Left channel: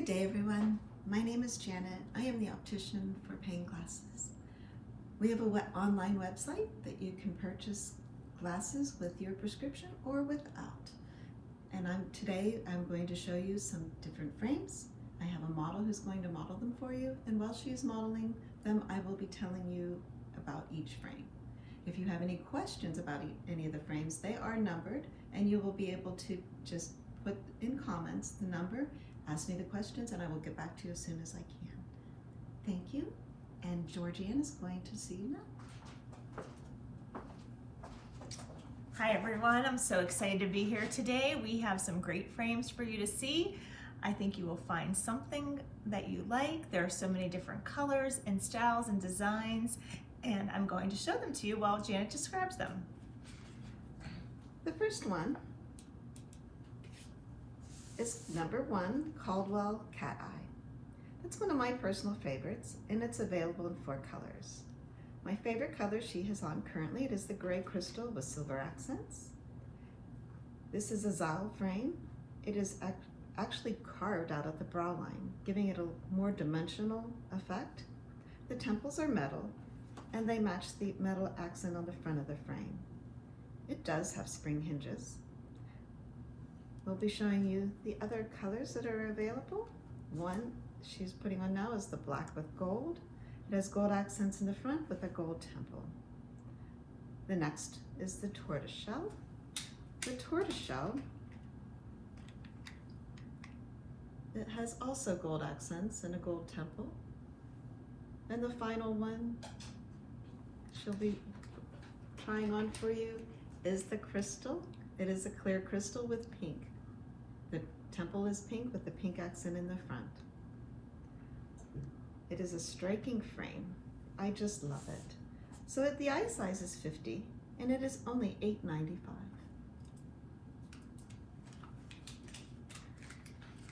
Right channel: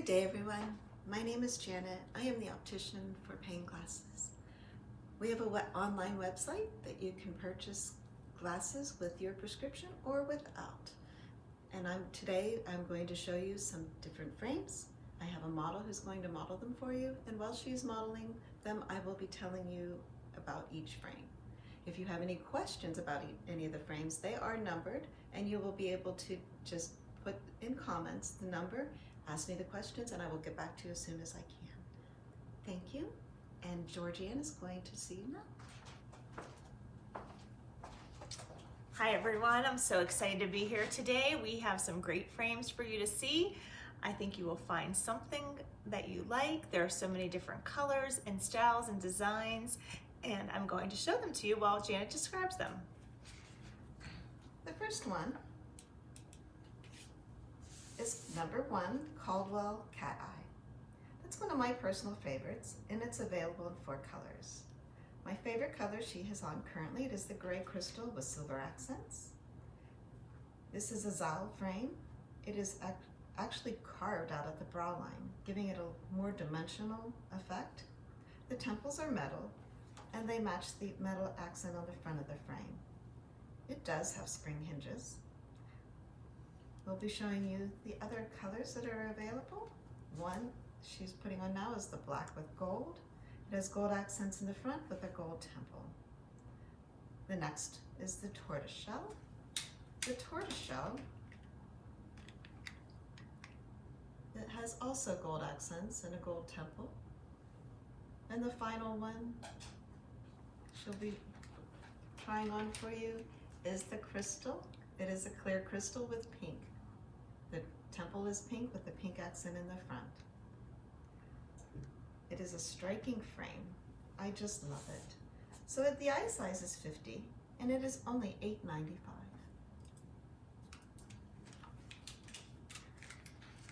Good day, everyone. My name is Janet. I am the optician for Payne Glasses. We have an online website that you can purchase glasses with your prescription or without. And today I'm going to show you some different frames. I have a model who's going to model them for you, and while she's modeling them, I will be telling you about each frame. If you have any questions about any of the frames, they are numbered, and you will be able to just put in comments the number, ask me the questions, and I will get back to you as soon as I can. Thank you, and Georgianne is going to see you now. Hi everyone, I'm so excited to be here today. We have some great frames for you to see. I think you will find something that you like. There are so many different colors and styles and designs, and I'm going to show them to you while Janet describes them. The first one is number 1, Caldwell Cat Eye. That's one of my personal favorites, and it's available in 4 colors. My favorite color she has on currently, it is the gray crystal with silver accents. This is a Zal frame. It is actually carved out of the brow line, giving it a more dimensional effect. The temples are metal, and they match the metal accent on the front of the frame. It does have spring hinges. We'll be showing you the other colors that are available. One she's putting on now is the black with gold. It has gold accents in the front with a gold temple. The next is the tortoiseshell. The tortoiseshell, it has also gold accents and a gold temple. And the final one she'll be trying on for you is the crystal. It is a clear crystal with pink. The temple is pink with the pink accent in the front. It is a striking frame. I just love it. So the eye size is 50 and it is only $8.95.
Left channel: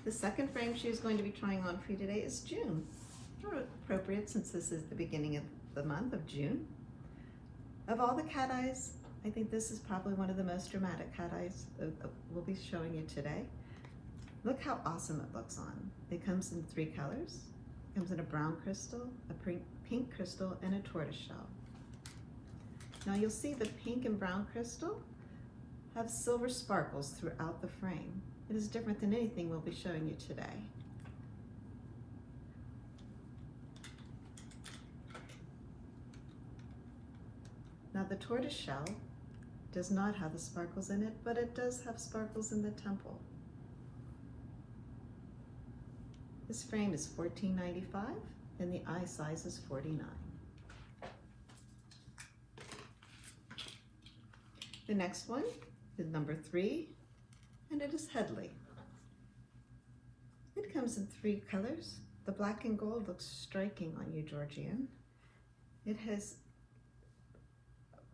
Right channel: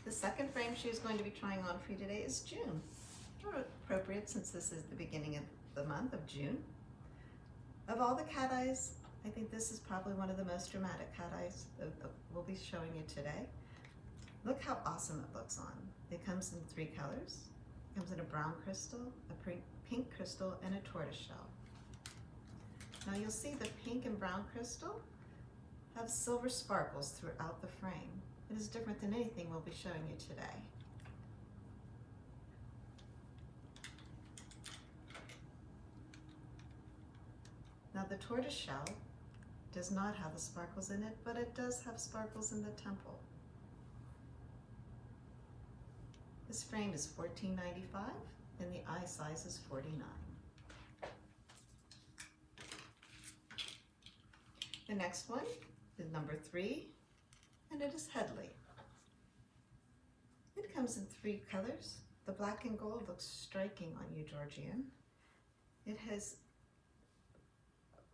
The second frame she's going to be trying on for you today is June. Appropriate since this is the beginning of the month of June. Of all the cat eyes, I think this is probably one of the most dramatic cat eyes that we'll be showing you today. Look how awesome it looks on. It comes in 3 colors. It comes in a brown crystal, a pink crystal, and a tortoiseshell. Now you'll see the pink and brown crystal have silver sparkles throughout the frame. It is different than anything we'll be showing you today. Now the tortoiseshell does not have the sparkles in it, but it does have sparkles in the temple. This frame is $14.95 and the eye size is 49. The next one is number 3, and it is Headley. It comes in 3 colors. The black and gold looks striking on you, Georgianne. It has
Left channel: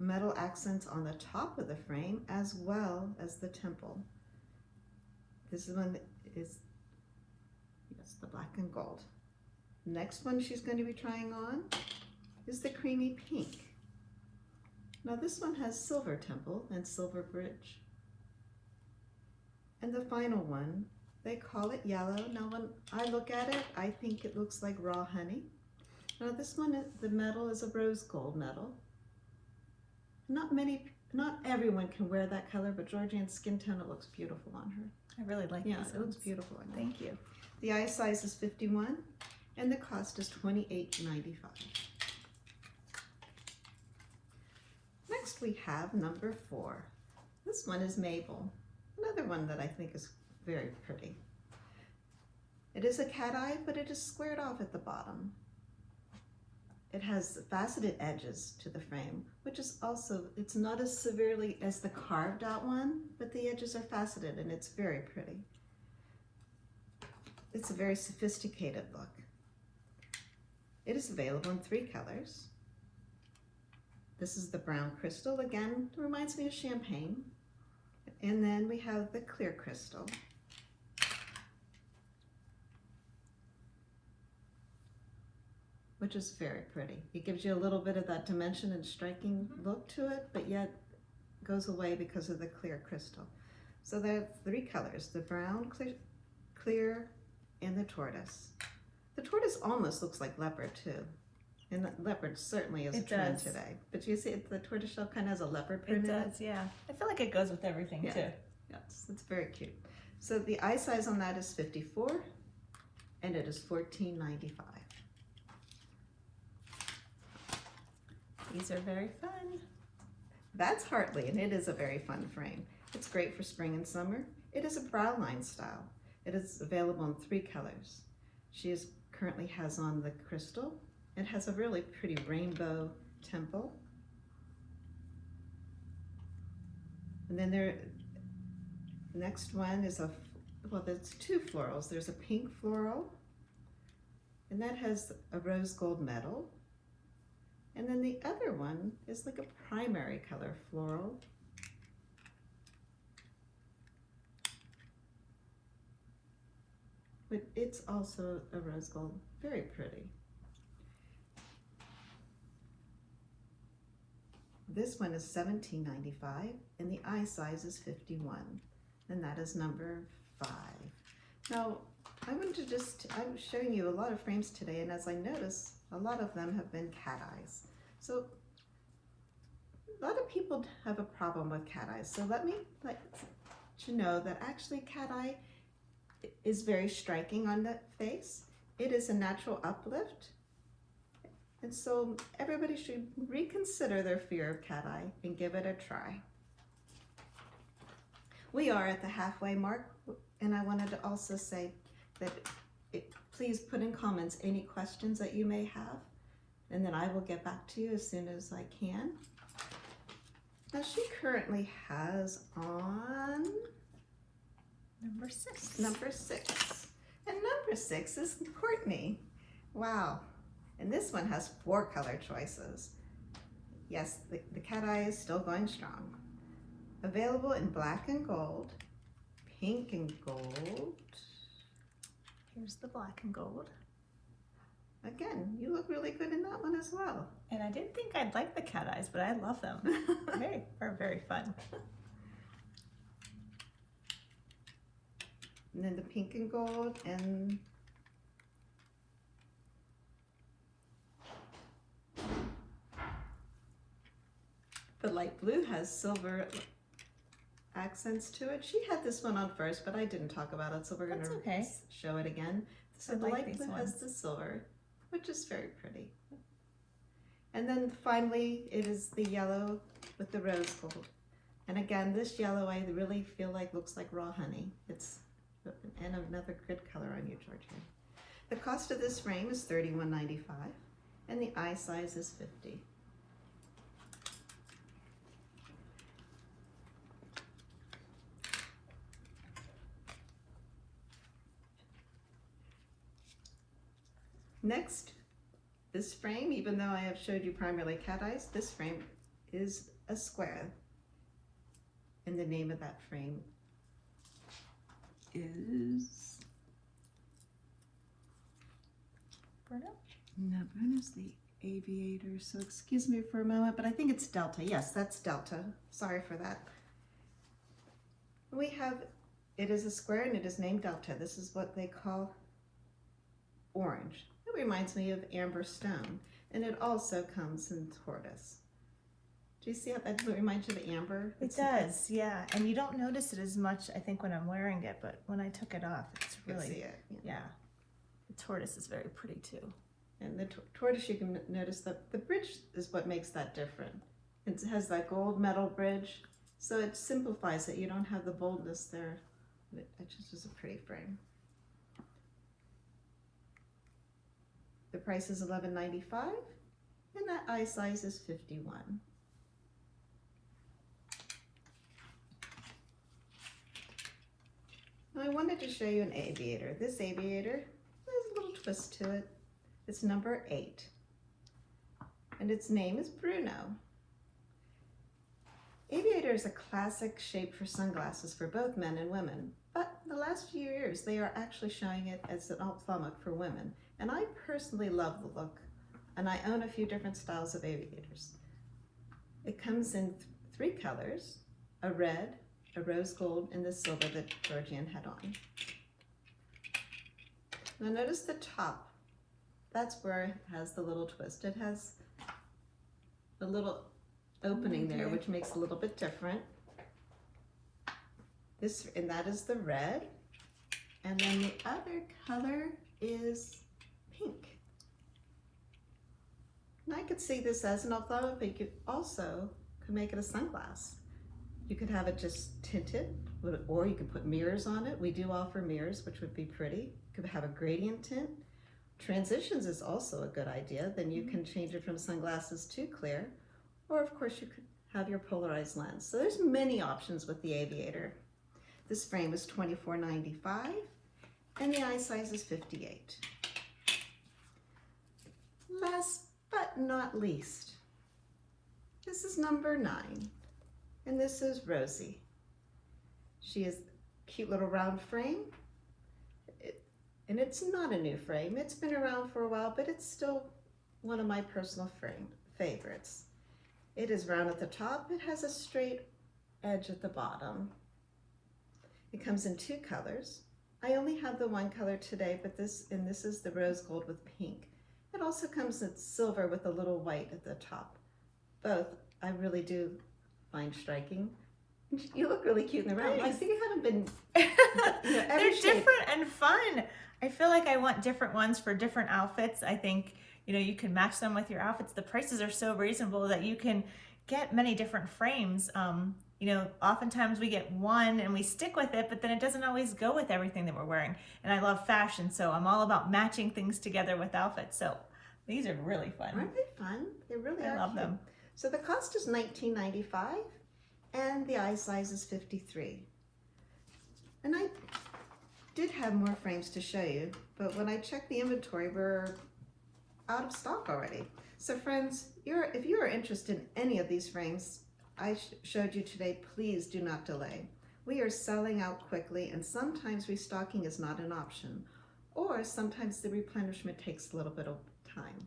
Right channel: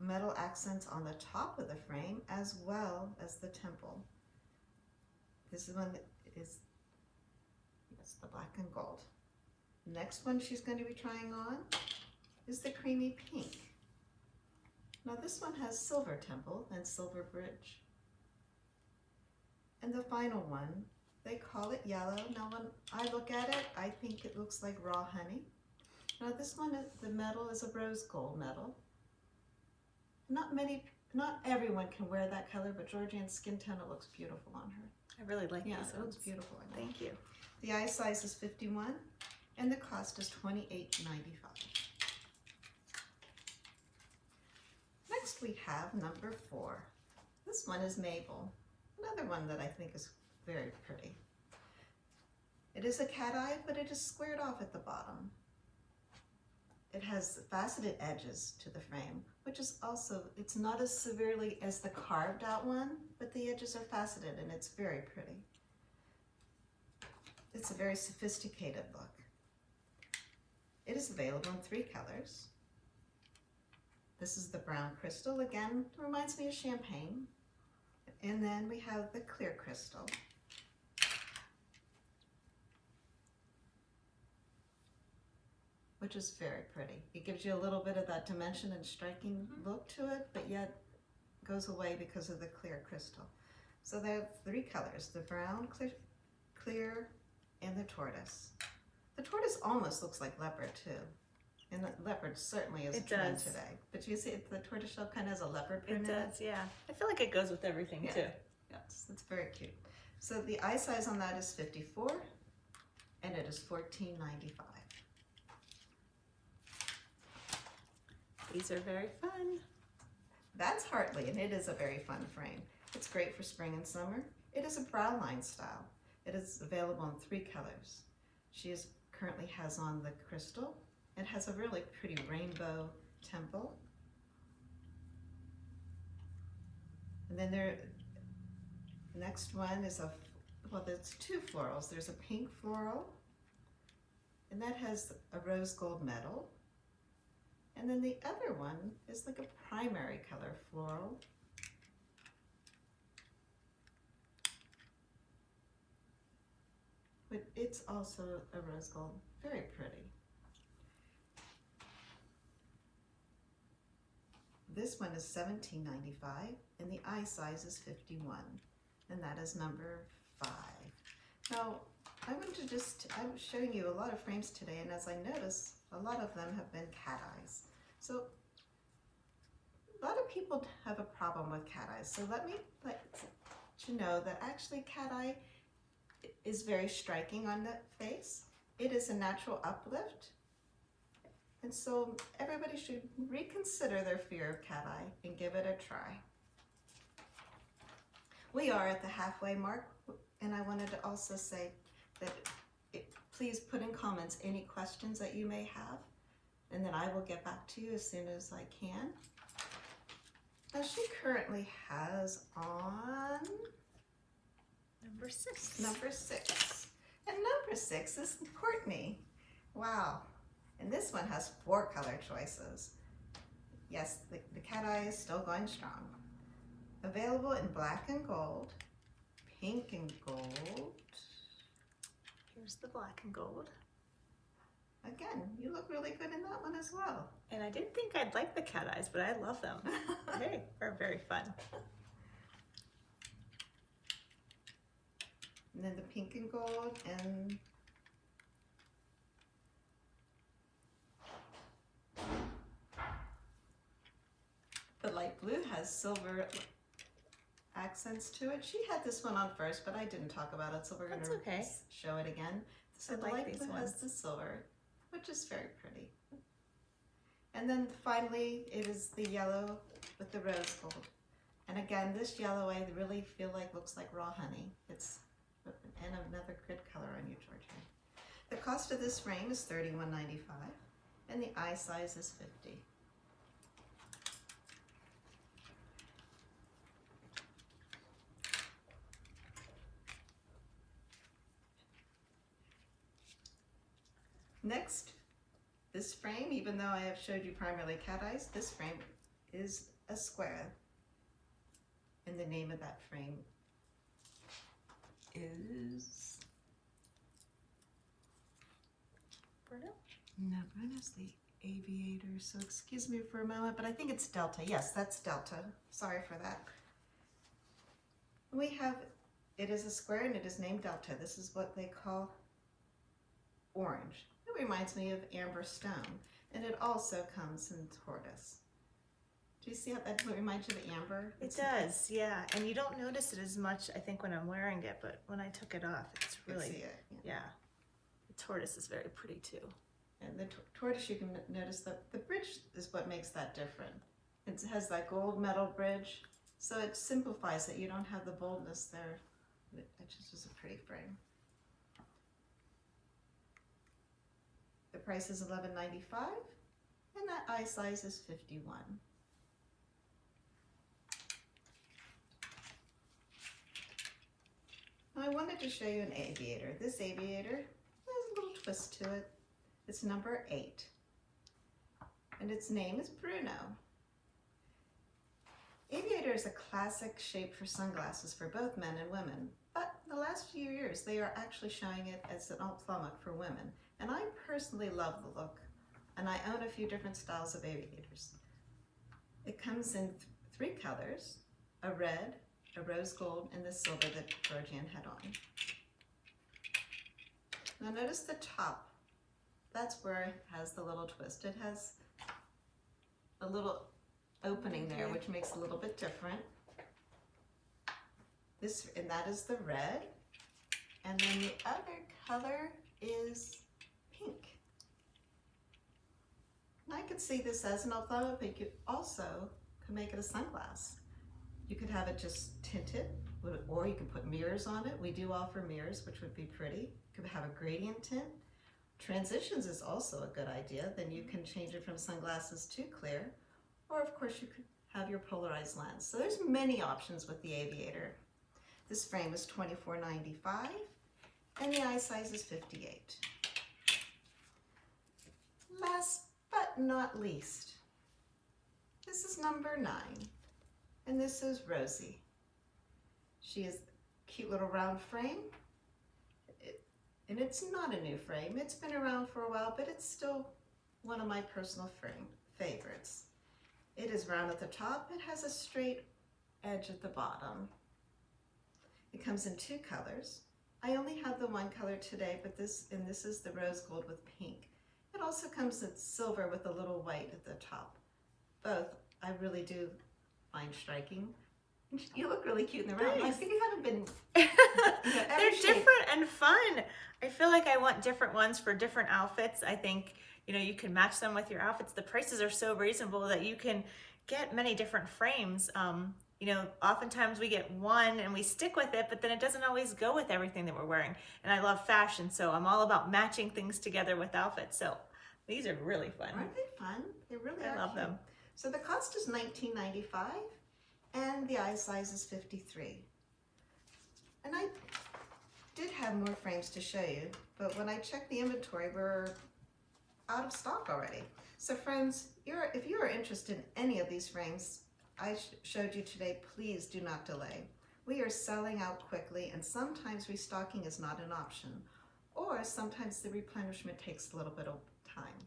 metal accents on the top of the frame as well as the temple. This one is, yes, the black and gold. Next one she's going to be trying on is the creamy pink. Now this one has silver temple and silver bridge. And the final one, they call it yellow. Now when I look at it, I think it looks like raw honey. Now this one, the metal is a rose gold metal. Not everyone can wear that color, but Georgianne's skin tone, it looks beautiful on her. I really like these. Yeah, it looks beautiful on you. Thank you. The eye size is 51 and the cost is $28.95. Next we have number 4. This one is Mabel, another one that I think is very pretty. It is a cat eye, but it is squared off at the bottom. It has faceted edges to the frame, which is also, it's not as severely as the carved out one, but the edges are faceted and it's very pretty. It's a very sophisticated look. It is available in 3 colors. This is the brown crystal, again, it reminds me of champagne. And then we have the clear crystal. Which is very pretty. It gives you a little bit of that dimension and striking look to it, but yet goes away because of the clear crystal. So there are 3 colors, the brown, clear, and and the tortoise. The tortoise almost looks like leopard too. And the leopard certainly is a trend today. But you see the tortoise shell kind of has a leopard print It in does, yeah. I feel like it goes with everything too. Yes, it's very cute. So the eye size on that is 54 and it is $14.95. These are very fun. That's Hartley, and it is a very fun frame. It's great for spring and summer. It is a Browline style. It is available in 3 colors. She currently has on the crystal. It has a really pretty rainbow temple. And then the next one is there's 2 florals. There's a pink floral, and that has a rose gold metal. And then the other one is like a primary color floral. But it's also a rose gold, very pretty. This one is $17.95 and the eye size is 51, and that is number 5. Now, I was showing you a lot of frames today, and as I noticed, a lot of them have been cat eyes. So a lot of people have a problem with cat eyes. So let me let you know that actually cat eye is very striking on the face. It is a natural uplift. And so everybody should reconsider their fear of cat eye and give it a try. We are at the halfway mark, and I wanted to also say that please put in comments any questions that you may have, and then I will get back to you as soon as I can. Now she currently has on Number 6. Number 6. And number 6 is Courtney. Wow. And this one has 4 color choices. Yes, the cat eye is still going strong. Available in black and gold, pink and gold. Here's the black and gold. Again, you look really good in that one as well. And I didn't think I'd like the cat eyes, but I love them. They are very fun. And then the pink and gold, and the light blue has silver accents to it. She had this one on first, but I didn't talk about it, so we're going to show it again. So the light blue has the silver, which is very pretty. And then finally, it is the yellow with the rose gold. And again, this yellow I really feel like looks like raw honey. It's and another good color on you, Georgia. The cost of this frame is $31.95, and the eye size is 50. Next, this frame, even though I have showed you primarily cat eyes, this frame is a square. And the name of that frame is Bruno? No, Bruno's the Aviator, so excuse me for a moment, but I think it's Delta. Yes, that's Delta. Sorry for that. We have, it is a square and it is named Delta. This is what they call orange. It reminds me of amber stone, and it also comes in tortoise. Do you see how that reminds you of amber? It does, yeah. And you don't notice it as much, I think, when I'm wearing it, but when I took it off, it's really, see it, yeah. The tortoise is very pretty too. And the tortoise, you can notice that the bridge is what makes that different. It has that gold metal bridge, so it simplifies it. You don't have the boldness there. It just is a pretty frame. The price is $11.95, and that eye size is 51. Now I wanted to show you an aviator. This aviator has a little twist to it. It's number 8, and its name is Bruno. Aviator is a classic shape for sunglasses for both men and women, but the last few years they are actually showing it as an ophthalmic for women, and I personally love the look, and I own a few different styles of aviators. It comes in 3 colors, a red, a rose gold, and the silver that Georgian had on. Now notice the top. That's where it has the little twist. It has a little opening there, which makes it a little bit different. And that is the red. And then the other color is pink. And I could see this as an ophthalmic, but you could also make it a sunglass. You could have it just tinted, or you could put mirrors on it. We do offer mirrors, which would be pretty. You could have a gradient tint. Transitions is also a good idea. Then you can change it from sunglasses to clear, or of course you could have your polarized lens. So there's many options with the Aviator. This frame is $24.95 and the eye size is 58. Last but not least, this is number 9 and this is Rosie. She is a cute little round frame. And it's not a new frame. It's been around for a while, but it's still one of my personal favorites. It is round at the top. It has a straight edge at the bottom. It comes in 2 colors. I only have the one color today, but this is the rose gold with pink. It also comes in silver with a little white at the top. Both I really do find striking. You look really cute in the round. I think you haven't been. They're different and fun. I feel like I want different ones for different outfits. I think, you can match them with your outfits. The prices are so reasonable that you can get many different frames. Oftentimes we get one and we stick with it, but then it doesn't always go with everything that we're wearing. And I love fashion, so I'm all about matching things together with outfits. So these are really fun. Aren't they fun? They really are. I love them. So the cost is $19.95 and the eye size is 53. And I did have more frames to show you, but when I checked the inventory, we're out of stock already. So friends, if you are interested in any of these frames I showed you today, please do not delay. We are selling out quickly, and sometimes restocking is not an option, or sometimes the replenishment takes a little bit of time.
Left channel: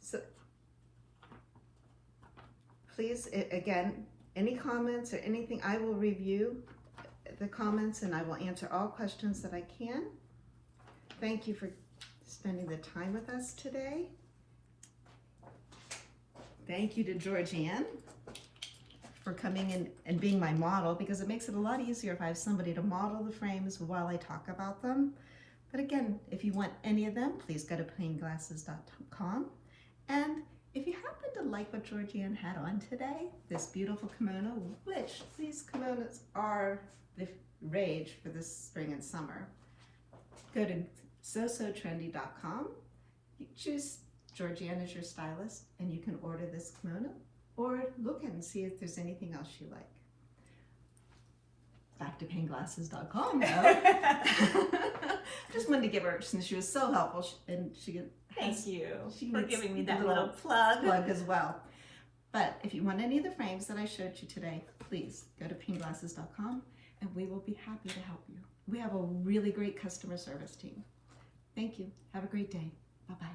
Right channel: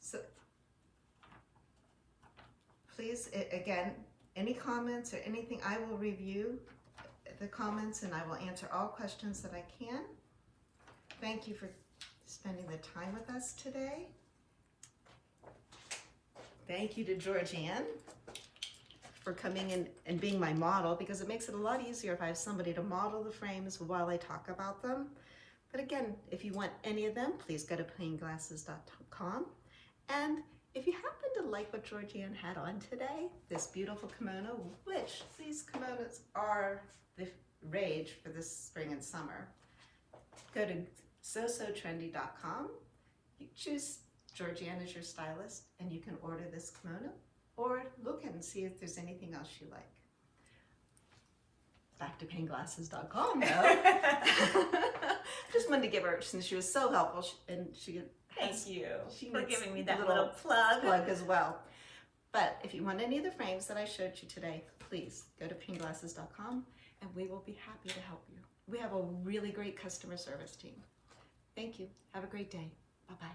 So please, again, any comments or anything, I will review the comments and I will answer all questions that I can. Thank you for spending the time with us today. Thank you to Georgianne for coming in and being my model, because it makes it a lot easier if I have somebody to model the frames while I talk about them. But again, if you want any of them, please go to payneglasses.com. And if you happen to like what Georgianne had on today, this beautiful kimono, which these kimonos are the rage for this spring and summer, go to sosotrendy.com. You choose Georgianne as your stylist and you can order this kimono, or look and see if there's anything else you like. Back to payneglasses.com though. Just wanted to give her, since she was so helpful, Thank you for giving me that little plug as well. But if you want any of the frames that I showed you today, please go to payneglasses.com and we will be happy to help you. We have a really great customer service team. Thank you. Have a great day. Bye-bye.